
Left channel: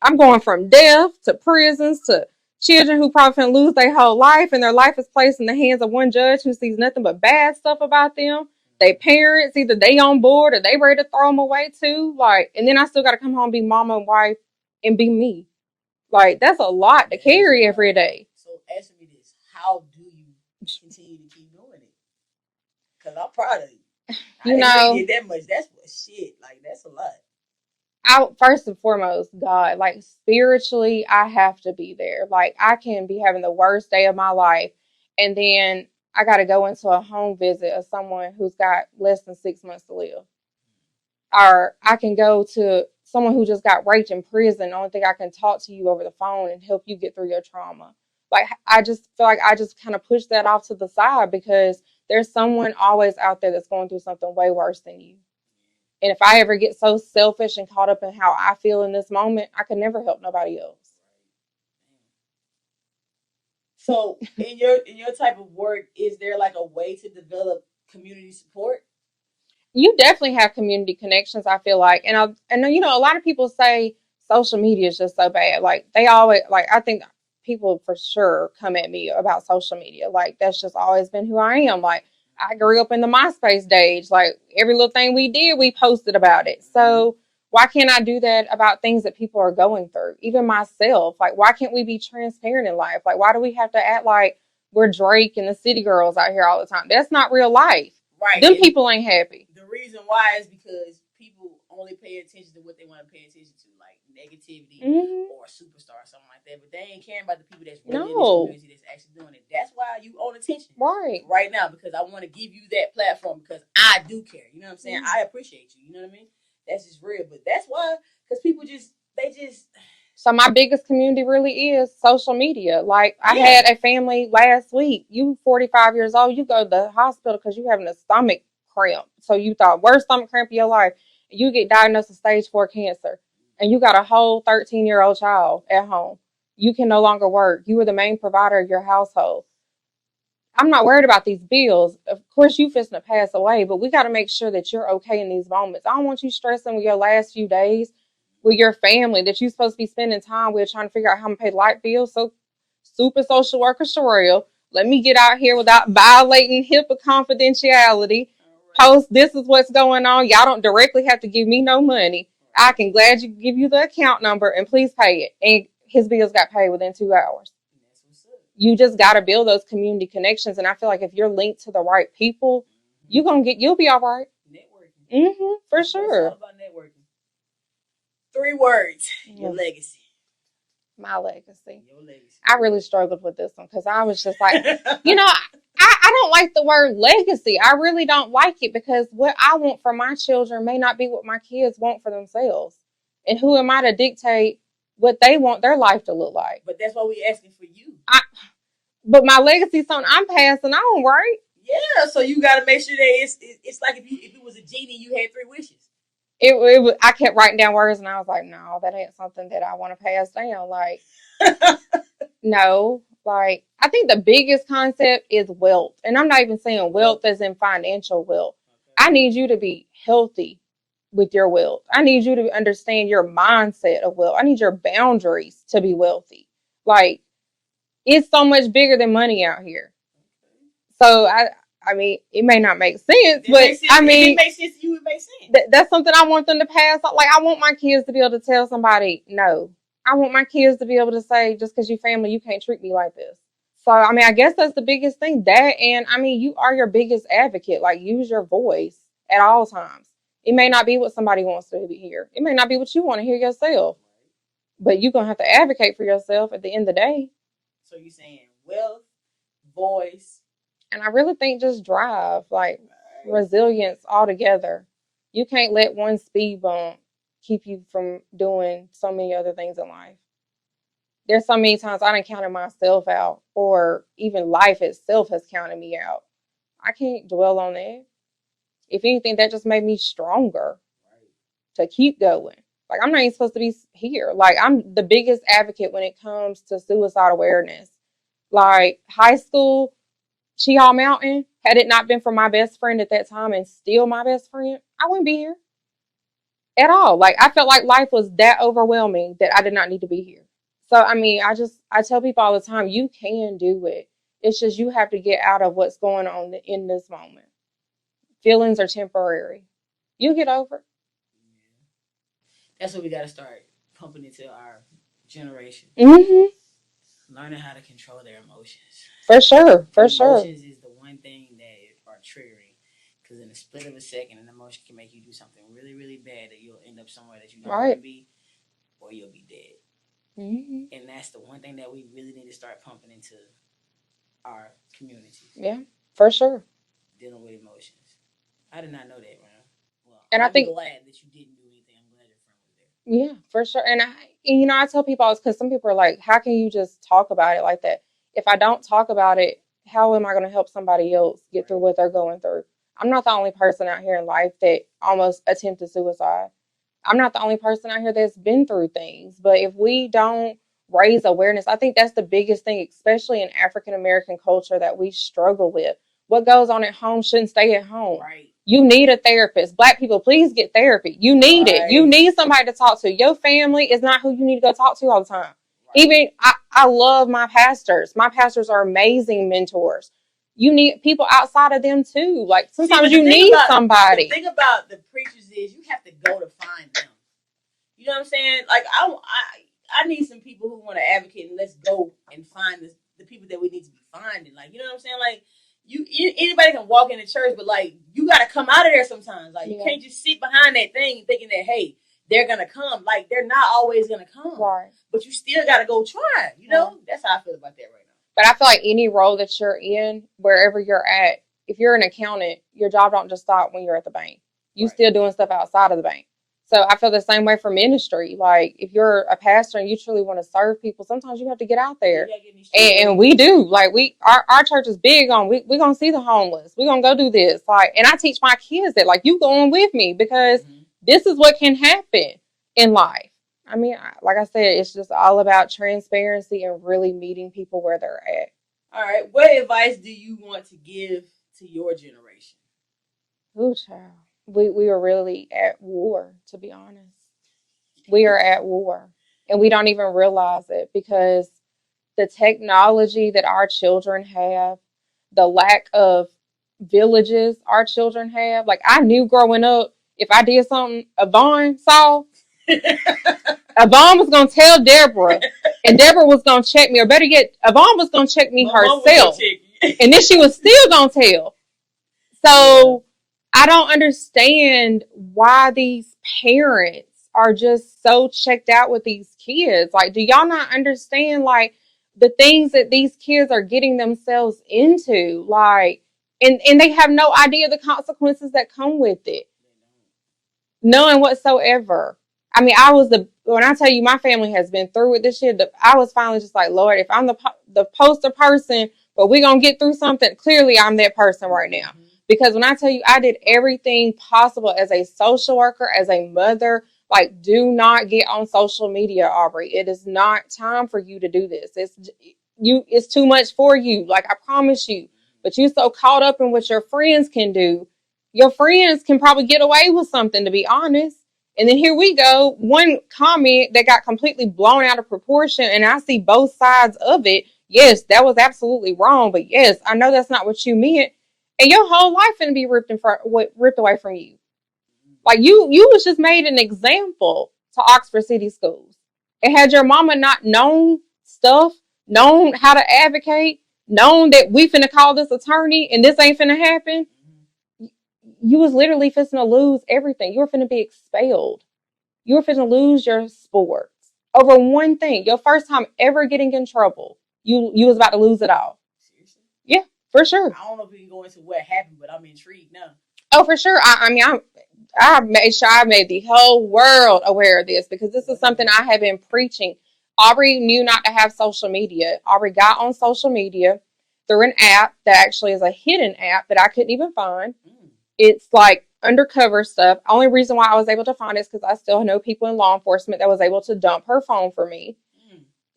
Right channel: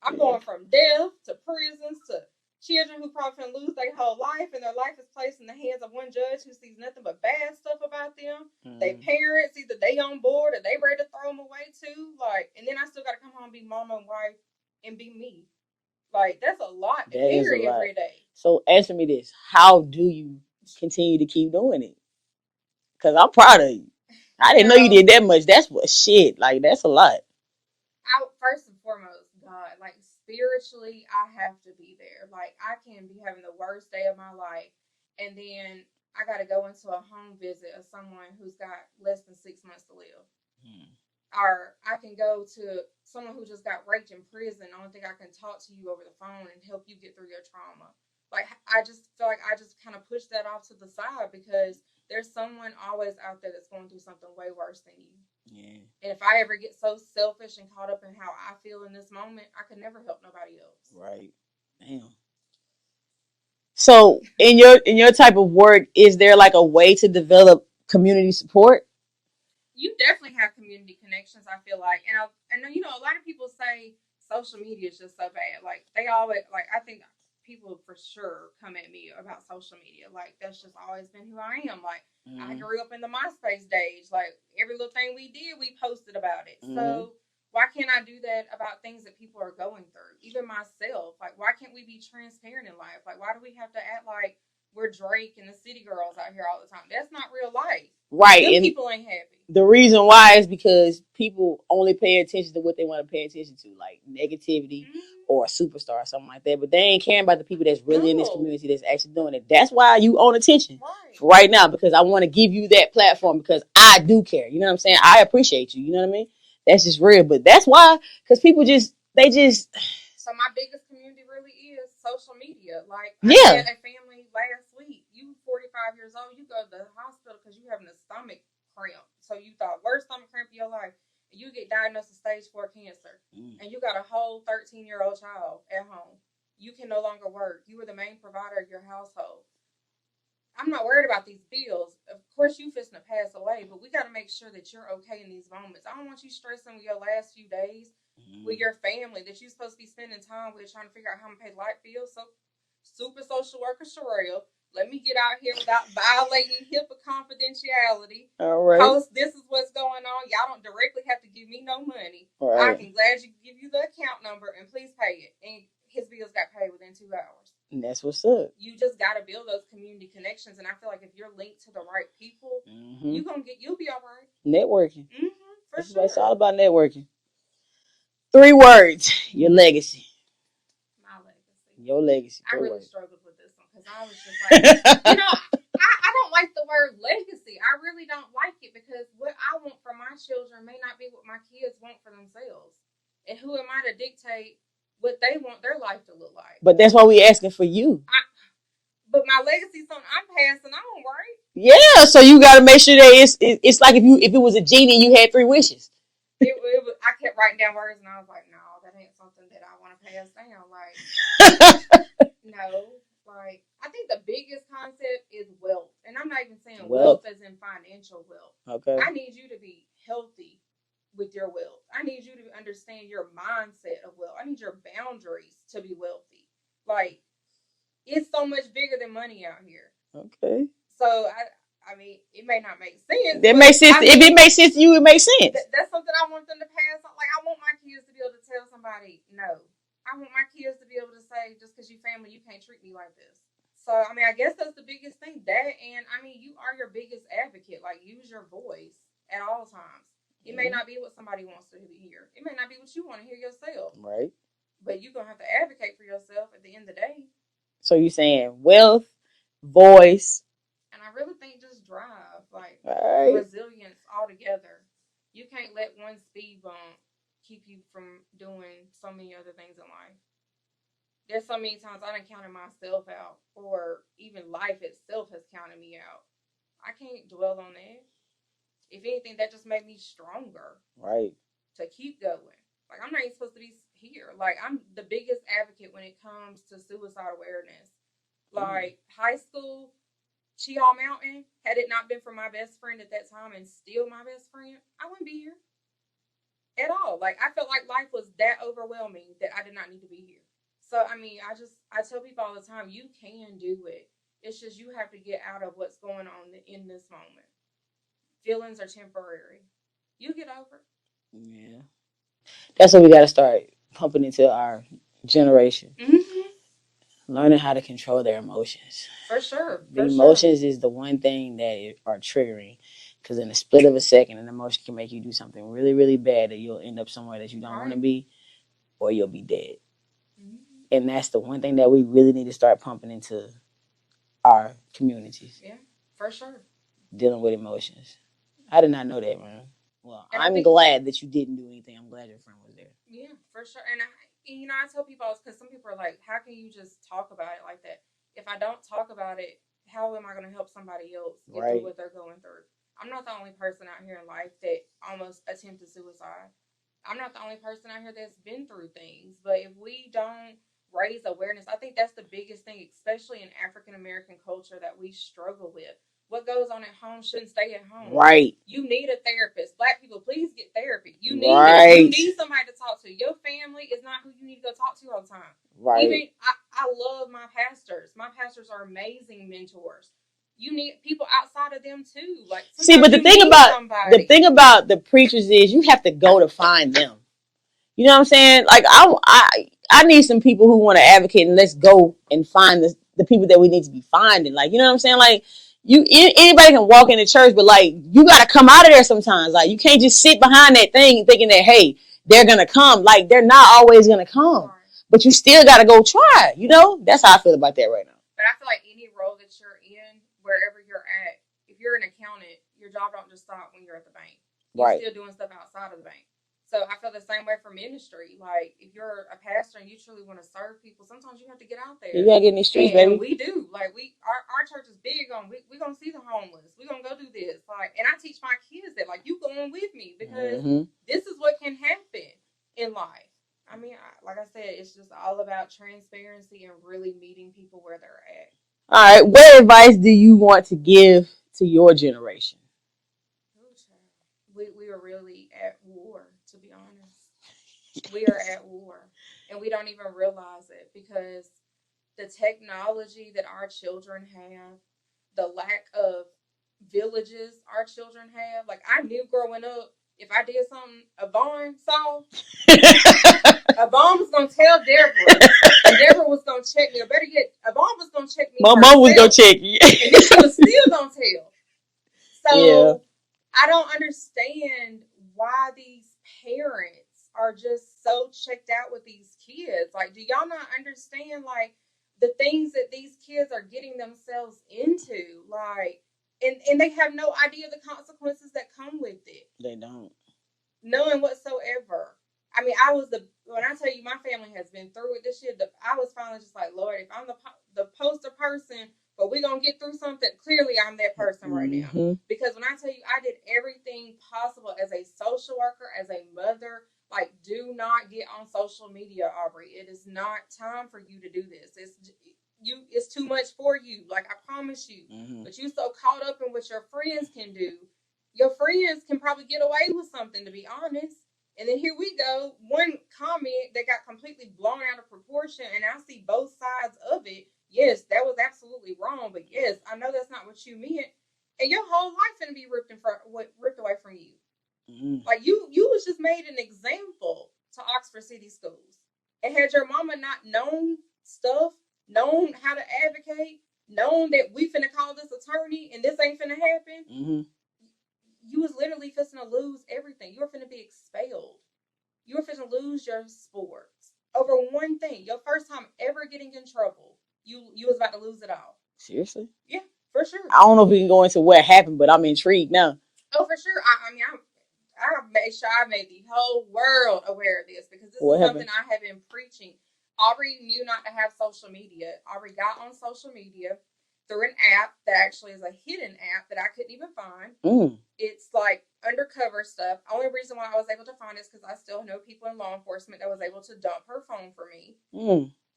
I'm going from death to prisons to children who probably can lose their whole life, and their life is placed in the hands of one judge who sees nothing but bad stuff about them. They parents, either they on board or they ready to throw them away too. Like, and then I still got to come home, be mama and wife, and be me. Like, that's a lot to carry every day. So answer me this: how do you continue to keep doing it? Because I'm proud of you. I didn't know you did that much. That's what shit. Like, that's a lot. First and foremost, God, like, spiritually, I have to be there. Like, I can be having the worst day of my life, and then I got to go into a home visit of someone who's got less than 6 months to live. Or I can go to someone who just got raped in prison. The only thing I can talk to you over the phone and help you get through your trauma. Like, I just feel like I just kind of push that off to the side, because there's someone always out there that's going through something way worse than you. And if I ever get so selfish and caught up in how I feel in this moment, I could never help nobody else. Right. Damn. So in your type of work, is there like a way to develop community support? You definitely have community connections, I feel like. And a lot of people say social media is just so bad. Like, they always, like, I think people for sure come at me about social media. Like, that's just always been who I am. Like, I grew up in the MySpace days. Like, every little thing we did, we posted about it. So why can't I do that about things that people are going through? Even myself. Like, why can't we be transparent in life? Like, why do we have to act like we're Drake and the city girls out here all the time? That's not real life. Right. Them people ain't happy. The reason why is because people only pay attention to what they want to pay attention to, like negativity or a superstar or something like that. But they ain't caring about the people that's really in this community that's actually doing it. That's why you own attention right now, because I want to give you that platform, because I do care. You know what I'm saying? I appreciate you. You know what I mean? That's just real. But that's why, because people So my biggest community really is social media. Like, I had a family last week. You 45 years old, you go to the hospital because you having a stomach cramp. So you thought, worst stomach cramp of your life. You get diagnosed with stage 4 cancer. And you got a whole 13-year-old child at home. You can no longer work. You were the main provider of your household. I'm not worried about these bills. Of course, you fixing to pass away, but we got to make sure that you're okay in these moments. I don't want you stressing with your last few days with your family that you're supposed to be spending time with, trying to figure out how to pay light bills. So, super social worker Cherelle, let me get out here without violating HIPAA confidentiality. All right. Post, this is what's going on. Y'all don't directly have to give me no money. Right. I can gladly give you the account number and please pay it. And his bills got paid within 2 hours. And that's what's up. You just got to build those community connections. And I feel like if you're linked to the right people, you'll be all right. Networking. For sure. It's all about networking. 3 words. Your legacy. My legacy. Your legacy. I really struggled with this one because I was just like, I don't like the word legacy. I really don't like it, because what I want for my children may not be what my kids want for themselves. And who am I to dictate what they want their life to look like? But that's why we asking for you. But my legacy son, I'm passing on, right? Yeah, so you got to make sure that it's like if it was a genie and you had 3 wishes. It was, I kept writing down words, and I was like, no, that ain't something that I want to pass down. Like, no, like, I think the biggest concept is wealth. And I'm not even saying wealth as in financial wealth. Okay. I need you to be healthy with your wealth. I need you to understand your mindset of wealth. I need your boundaries to be wealthy. Like, it's so much bigger than money out here. Okay. So I mean, it may not make sense. It makes sense. I mean, if it makes sense to you, it makes sense. That's something I want them to pass. Like, I want my kids to be able to tell somebody no. I want my kids to be able to say, just because you're family, you can't treat me like this. So, I mean, I guess that's the biggest thing. That, and I mean, you are your biggest advocate. Like, use your voice at all times. It may not be what somebody wants to hear. It may not be what you want to hear yourself. Right. But you're going to have to advocate for yourself at the end of the day. So you're saying wealth, voice. And I really think just drive, like resilience altogether. You can't let one speed bump keep you from doing so many other things in life. There's so many times I done counted myself out, or even life itself has counted me out. I can't dwell on that. If anything, that just made me stronger. Right. To keep going. Like, I'm not even supposed to be here. Like, I'm the biggest advocate when it comes to suicide awareness. Like, high school, Cheehaw Mountain, had it not been for my best friend at that time and still my best friend, I wouldn't be here at all. Like, I felt like life was that overwhelming that I did not need to be here. So, I mean, I tell people all the time, you can do it. It's just you have to get out of what's going on in this moment. Feelings are temporary. You get over it. Yeah. That's what we got to start pumping into our generation. Mm-hmm. Learning how to control their emotions. For sure. Emotions is the one thing that are triggering. Because in a split of a second, an emotion can make you do something really, really bad that you'll end up somewhere that you don't want to be, or you'll be dead. Mm-hmm. And that's the one thing that we really need to start pumping into our communities. Yeah, for sure. Dealing with emotions. I did not know that, man. Well, and I'm glad that you didn't do anything. I'm glad your friend was there. Yeah, for sure. And I tell people, because some people are like, how can you just talk about it like that? If I don't talk about it, how am I going to help somebody else get through what they're going through? I'm not the only person out here in life that almost attempted suicide. I'm not the only person out here that's been through things. But if we don't raise awareness, I think that's the biggest thing, especially in African American culture, that we struggle with. What goes on at home shouldn't stay at home. Right. You need a therapist. Black people, please get therapy. You need it. You need somebody to talk to. Your family is not who you need to go talk to all the time. Right. Even, I love my pastors. My pastors are amazing mentors. You need people outside of them too. Like, sometimes you need somebody. The thing about the preachers is you have to go to find them. You know what I'm saying? Like, I need some people who want to advocate, and let's go and find the people that we need to be finding. Like, you know what I'm saying? Like, anybody can walk into church, but like, you got to come out of there sometimes. Like, you can't just sit behind that thing thinking that, hey, they're going to come. Like, they're not always going to come. Right. But you still got to go try. You know? That's how I feel about that right now. But I feel like any role that you're in, wherever you're at, if you're an accountant, your job don't just stop when you're at the bank. You're still doing stuff outside of the bank. So I feel the same way for ministry. Like, if you're a pastor and you truly want to serve people, sometimes you have to get out there. You gotta get in these streets, and we do. Like, our church is big on, we're going to see the homeless. We're going to go do this. Like, and I teach my kids that, like, you going with me, because this is what can happen in life. I mean, like I said, it's just all about transparency and really meeting people where they're at. All right. What advice do you want to give to your generation? Ooh, child. We are really at war, to be honest. We are at war. And we don't even realize it, because the technology that our children have, the lack of villages our children have. Like, I knew growing up, if I did something Yvonne saw, Yvonne was going to tell Deborah, and Deborah was going to check me. Or better yet, Yvonne was going to check me herself. Mom was going to check you. And then she was still going to tell. So I don't understand why these parents are just so checked out with these kids. Like, do y'all not understand, like, the things that these kids are getting themselves into? Like, and they have no idea the consequences that come with it. They don't. None whatsoever. I mean, when I tell you my family has been through with this shit, I was finally just like, Lord, if I'm the poster person, but we're going to get through something, clearly I'm that person right now. Mm-hmm. Because when I tell you, I did everything possible as a social worker, as a mother. Like, do not get on social media, Aubrey. It is not time for you to do this. It's too much for you. Like, I promise you. Mm-hmm. But you so caught up in what your friends can do. Your friends can probably get away with something, to be honest. And then here we go. One comment that got completely blown out of proportion, and I see both sides of it. Yes, that was absolutely wrong. But yes, I know that's not what you meant. And your whole life gonna be ripped away from you. Mm-hmm. Like you was just made an example to Oxford City Schools. And had your mama not known stuff, known how to advocate, known that we finna call this attorney and this ain't finna happen, Mm-hmm. you was literally finna to lose everything. You were finna be expelled. You were finna lose your sports over one thing. Your first time ever getting in trouble, you was about to lose it all. Seriously? Yeah, for sure. I don't know if we can go into what happened, but I'm intrigued now. Oh, for sure. I mean, I made sure I made the whole world aware of this because this is something I have been preaching. Aubrey knew not to have social media. Aubrey got on social media through an app that actually is a hidden app that I couldn't even find. It's like undercover stuff. Only reason why I was able to find it is because I still know people in law enforcement that was able to dump her phone for me.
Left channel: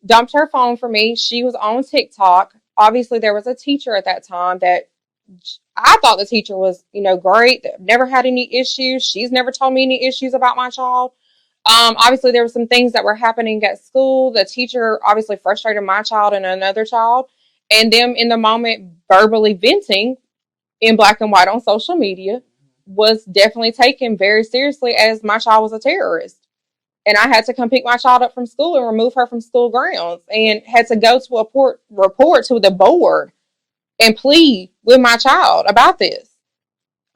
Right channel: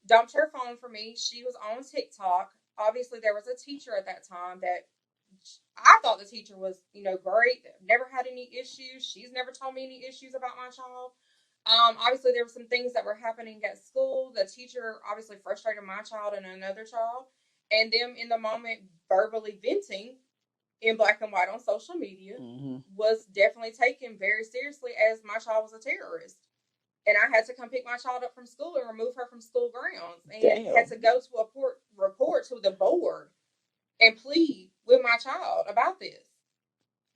Dumped her phone for me. She was on TikTok. Obviously, there was a teacher at that time that I thought the teacher was, great. Never had any issues. She's never told me any issues about my child. Obviously, there were some things that were happening at school. The teacher obviously frustrated my child and another child. And them in the moment verbally venting in black and white on social media was definitely taken very seriously as my child was a terrorist. And I had to come pick my child up from school and remove her from school grounds and had to go to a report to the board and plead with my child about this.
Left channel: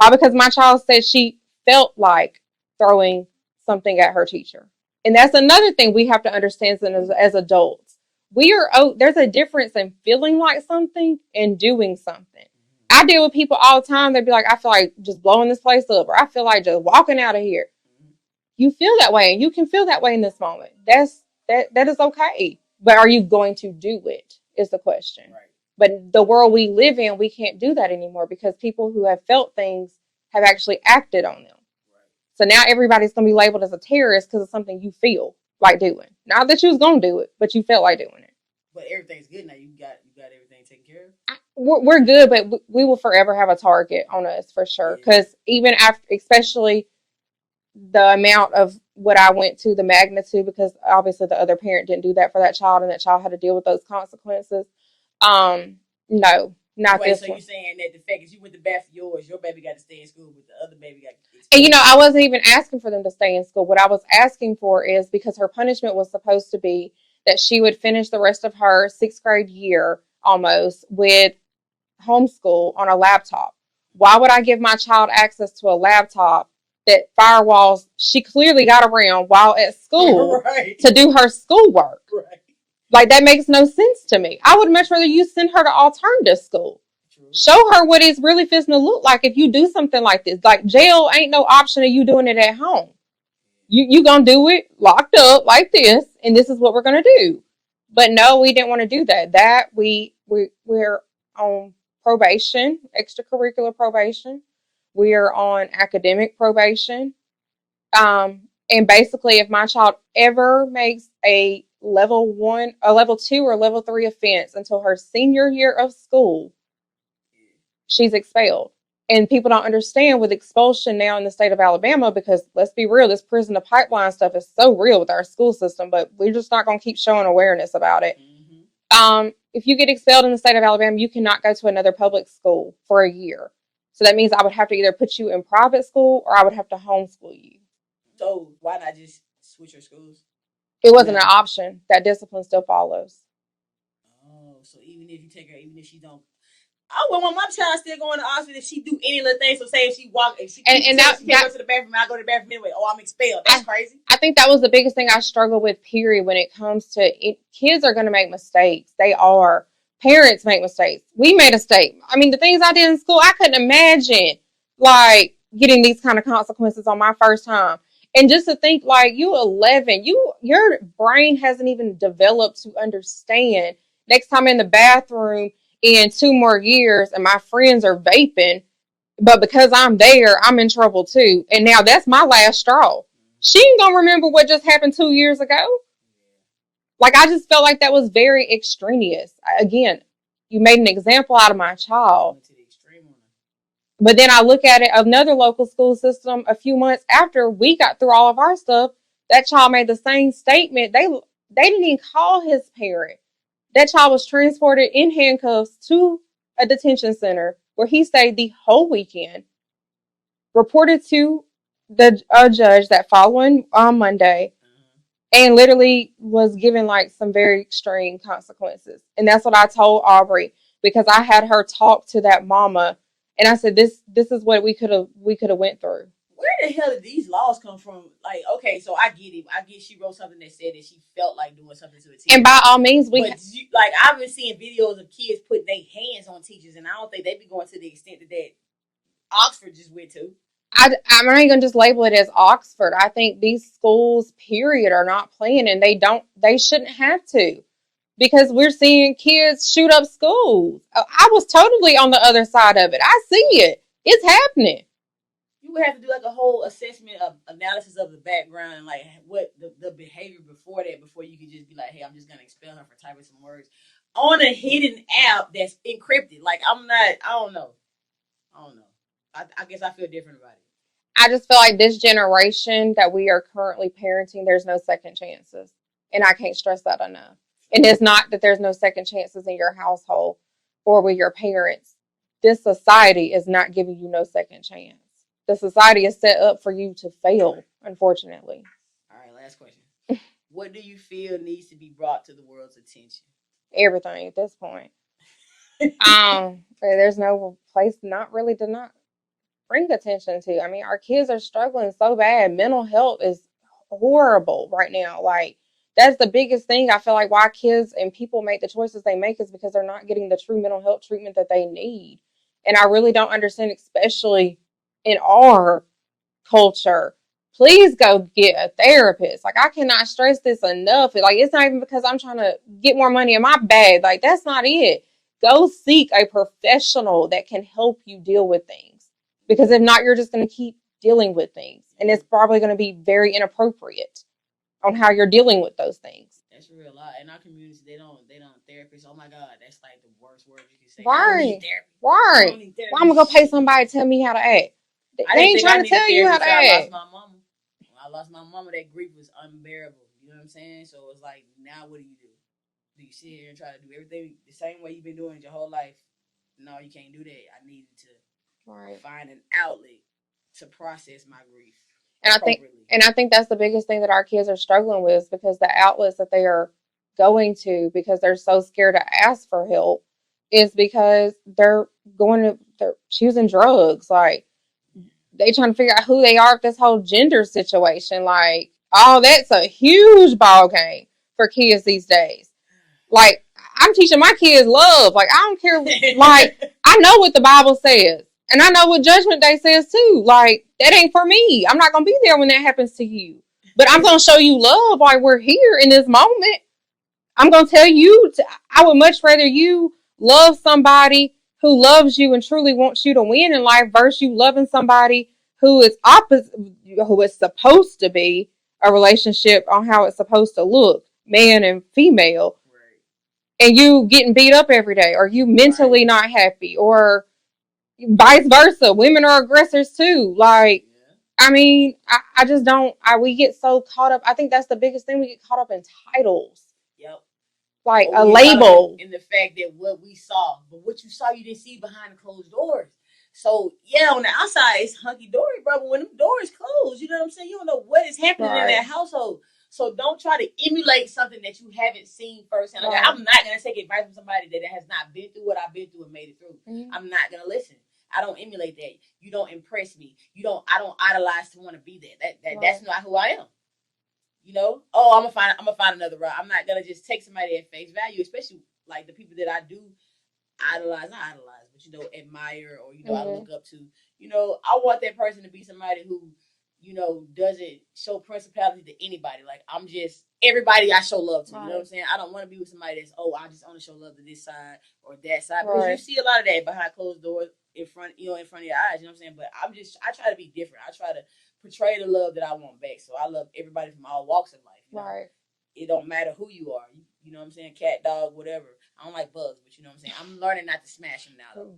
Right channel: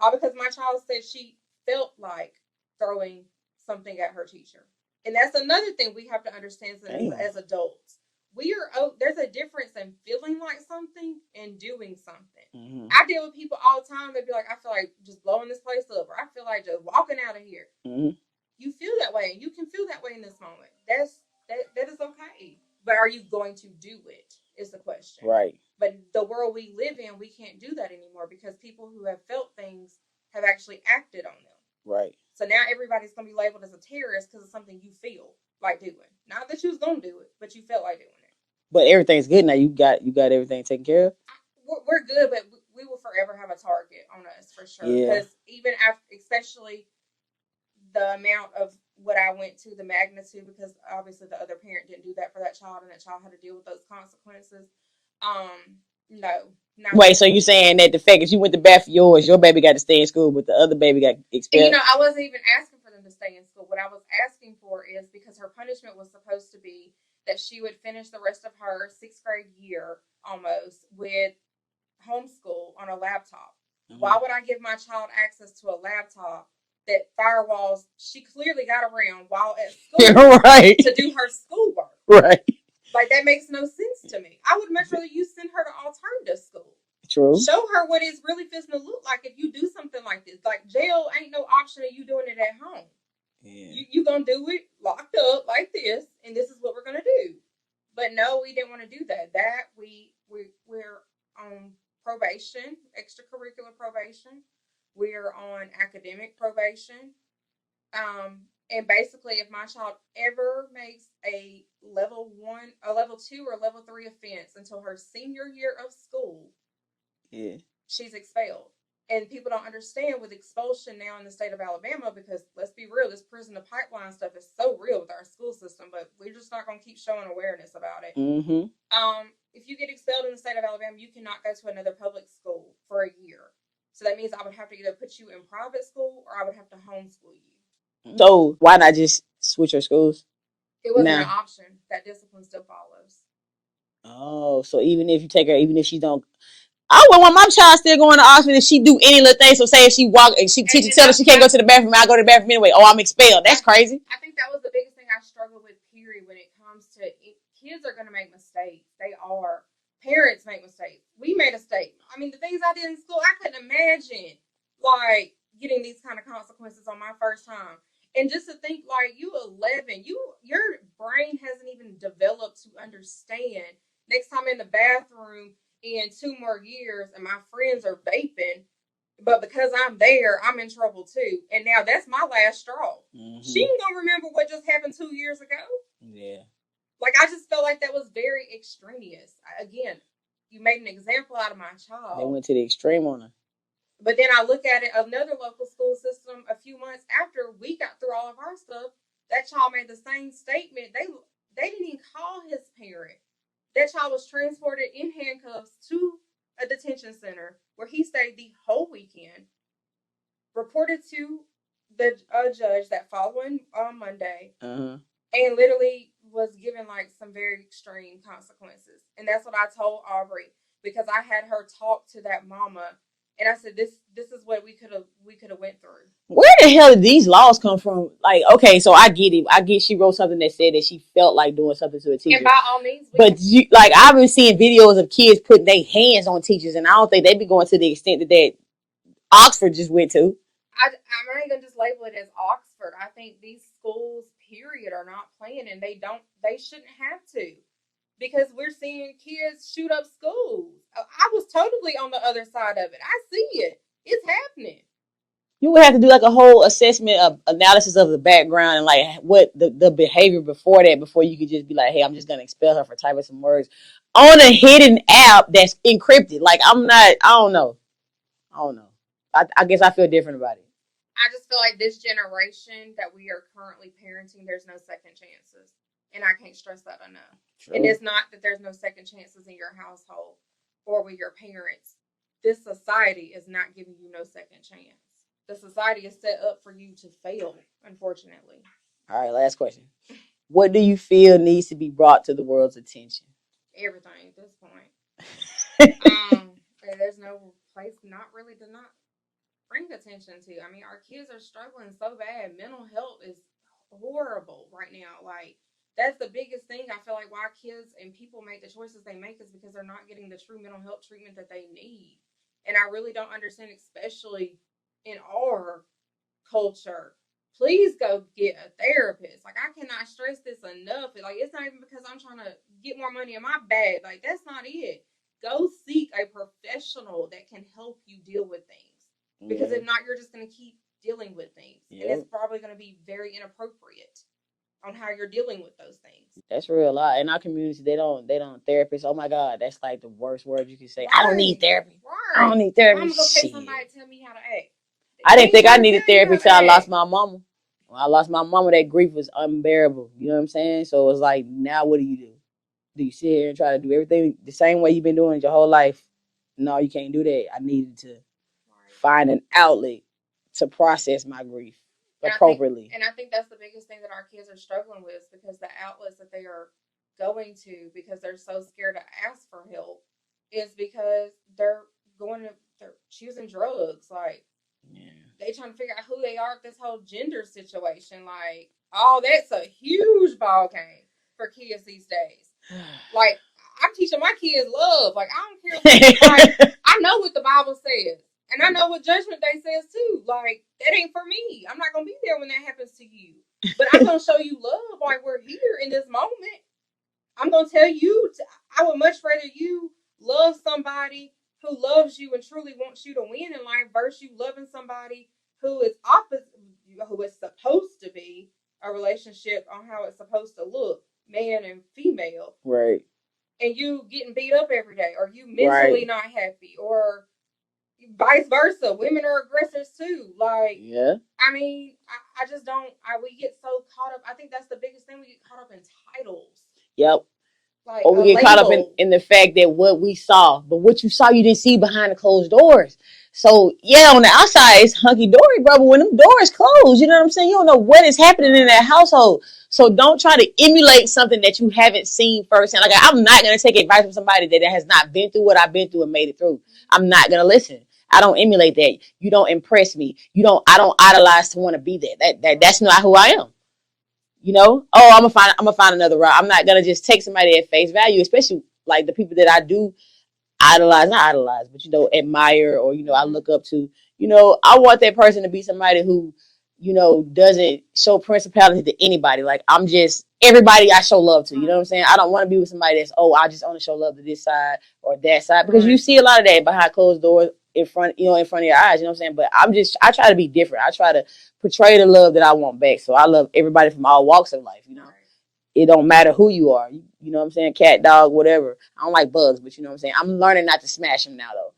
All because my child said she felt like throwing something at her teacher. And that's another thing we have to understand as adults. There's a difference in feeling like something and doing something. I deal with people all the time. They'd be like, I feel like just blowing this place up, or I feel like just walking out of here. You feel that way, and you can feel that way in this moment. That is okay. But are you going to do it is the question. Right. But the world we live in, we can't do that anymore because people who have felt things have actually acted on them. Right. So now everybody's going to be labeled as a terrorist because of something you feel like doing. Not that you was going to do it, but you felt like doing it. But everything's good now. You got everything taken care of? We're good, but we will forever have a target on us for sure. Because even after, especially the amount of what I went to, the magnitude, because obviously the other parent didn't do that for that child and that child had to deal with those consequences. No. Wait, so you saying that the fact that you went to bat for yours, your baby got to stay in school, but the other baby got expelled? And I wasn't even asking for them to stay in school. What I was asking for is because her punishment was supposed to be that she would finish the rest of her 6th grade year almost with homeschool on a laptop. Why would I give my child access to a laptop that firewalls she clearly got around while at school to do her schoolwork? Right. Like, that makes no sense to me. I would much rather you send her to alternative school. True. Show her what it's really fixing to look like if you do something like this. Like, jail ain't no option of you doing it at home. You gonna do it locked up like this, and this is what we're gonna do. But no, we didn't want to do that. We're on probation, extracurricular probation. We're on academic probation. And basically, if my child ever makes a level 1, a level 2, or level 3 offense until her senior year of school, she's expelled. And people don't understand with expulsion now in the state of Alabama, because let's be real, this prison to pipeline stuff is so real with our school system, but we're just not going to keep showing awareness about it. If you get expelled in the state of Alabama, you cannot go to another public school for a year. So that means I would have to either put you in private school or I would have to homeschool you. So why not just switch your schools? It wasn't an option. That discipline still follows. Oh, so even if you take her, even if she don't, I would want my child still going to Oxford if she do any little thing. So say if she walk, if she teacher tell her she can't go to the bathroom, I go to the bathroom anyway. Oh, I'm expelled. That's crazy. I think that was the biggest thing I struggle with, period, when it comes to it. Kids are going to make mistakes. They are. Parents make mistakes. We made a mistake. I mean, the things I did in school, I couldn't imagine, like, getting these kind of consequences on my first time. And just to think, like, you 11, your brain hasn't even developed to understand. Next time in the bathroom in 2 more years, and my friends are vaping, but because I'm there, I'm in trouble too. And now that's my last straw. Mm-hmm. She ain't gonna remember what just happened 2 years ago. Yeah. Like, I just felt like that was very extraneous. Again, you made an example out of my They child. went to the extreme on her. But then I look at it, another local school system, a few months after we got through all of our stuff, that child made the same statement. They didn't even call his parent. That child was transported in handcuffs to a detention center where he stayed the whole weekend, reported to the judge that following Monday, and literally was given like some very extreme consequences. And that's what I told Aubrey, because I had her talk to that mama, and I said, this is what we could have went through. Where the hell did these laws come from? Like, okay, so I get it. I get she wrote something that said that she felt like doing something to a teacher. And by all means, like, I've been seeing videos of kids putting their hands on teachers, and I don't think they be going to the extent that Oxford just went to. I'm not even gonna just label it as Oxford. I think these schools, period, are not playing, and they shouldn't have to, because we're seeing kids shoot up schools. I was totally on the other side of it. I see it. It's happening. You would have to do like a whole assessment of analysis of the background and like what the behavior before that, before you could just be like, hey, I'm just gonna expel her for typing some words on a hidden app that's encrypted. Like, I don't know. I guess I feel different about it. I just feel like this generation that we are currently parenting, there's no second chances. And I can't stress that enough. True. And it's not that there's no second chances in your household or with your parents. This society is not giving you no second chance. The society is set up for you to fail, unfortunately. All right, last question. What do you feel needs to be brought to the world's attention? Everything at this point. There's no place to not bring attention to. I mean, our kids are struggling so bad. Mental health is horrible right now. Like, that's the biggest thing. I feel like why kids and people make the choices they make is because they're not getting the true mental health treatment that they need. And I really don't understand, especially in our culture. Please go get a therapist. Like, I cannot stress this enough. Like, it's not even because I'm trying to get more money in my bag. Like, that's not it. Go seek a professional that can help you deal with things. Because if not, you're just going to keep dealing with things. Yep. And it's probably going to be very inappropriate on how you're dealing with those things. That's real. In our community, they don't therapists. Oh my God, that's like the worst word you can say. Right. I don't need therapy. Right. I don't need therapy. I'm going to go pay somebody to tell me how to act. I didn't think I needed therapy until I lost my mama. When I lost my mama, that grief was unbearable. You know what I'm saying? So it was like, now what do? Do you sit here and try to do everything the same way you've been doing it your whole life? No, you can't do that. I needed to find an outlet to process my grief appropriately. And I think that's the biggest thing that our kids are struggling with, because the outlets that they are going to, because they're so scared to ask for help, is because they're choosing drugs. Like, they trying to figure out who they are with this whole gender situation. Like, that's a huge ball game for kids these days. Like, I'm teaching my kids love. Like, I don't care. Like, I know what the Bible says. And I know what Judgment Day says too. Like, that ain't for me. I'm not going to be there when that happens to you. But I'm going to show you love while we're here in this moment. I'm going to tell you, I would much rather you love somebody who loves you and truly wants you to win in life versus you loving somebody who is opposite, who is supposed to be a relationship on how it's supposed to look, man and female. Right. And you getting beat up every day, or you mentally not happy, or vice versa. Women are aggressors too. Like, yeah. I mean, I just don't, we get so caught up. I think that's the biggest thing. We get caught up in titles. Yep. Like a label. In the fact that what we saw, but what you saw, you didn't see behind the closed doors. So, yeah, on the outside, it's hunky-dory, bro, but when them doors close, you know what I'm saying? You don't know what is happening in that household. So don't try to emulate something that you haven't seen firsthand. Like, I'm not going to take advice from somebody that has not been through what I've been through and made it through. Mm-hmm. I'm not going to listen. I don't emulate that. You don't impress me. I don't idolize to want to be there. That's not who I am. You know? Oh, I'm gonna find another route. I'm not gonna just take somebody at face value, especially like the people that I do not idolize, but admire, or I look up to. I want that person to be somebody who you know, doesn't show principality to anybody. Like, I'm just everybody I show love to. You know what I'm saying? I don't want to be with somebody that's, oh, I just only show love to this side or that side, because you see a lot of that behind closed doors in front, you know, in front of your eyes. You know what I'm saying? But I try to be different. I try to portray the love that I want back. So I love everybody from all walks of life. You know, it don't matter who you are. You know what I'm saying? Cat, dog, whatever. I don't like bugs, but you know what I'm saying? I'm learning not to smash them now, though.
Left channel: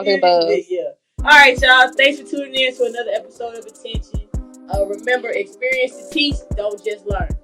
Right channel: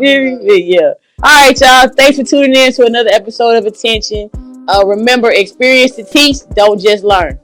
Yeah. All right, y'all. Thanks for tuning in to another episode of Attention. Remember, experience to teach, don't just learn.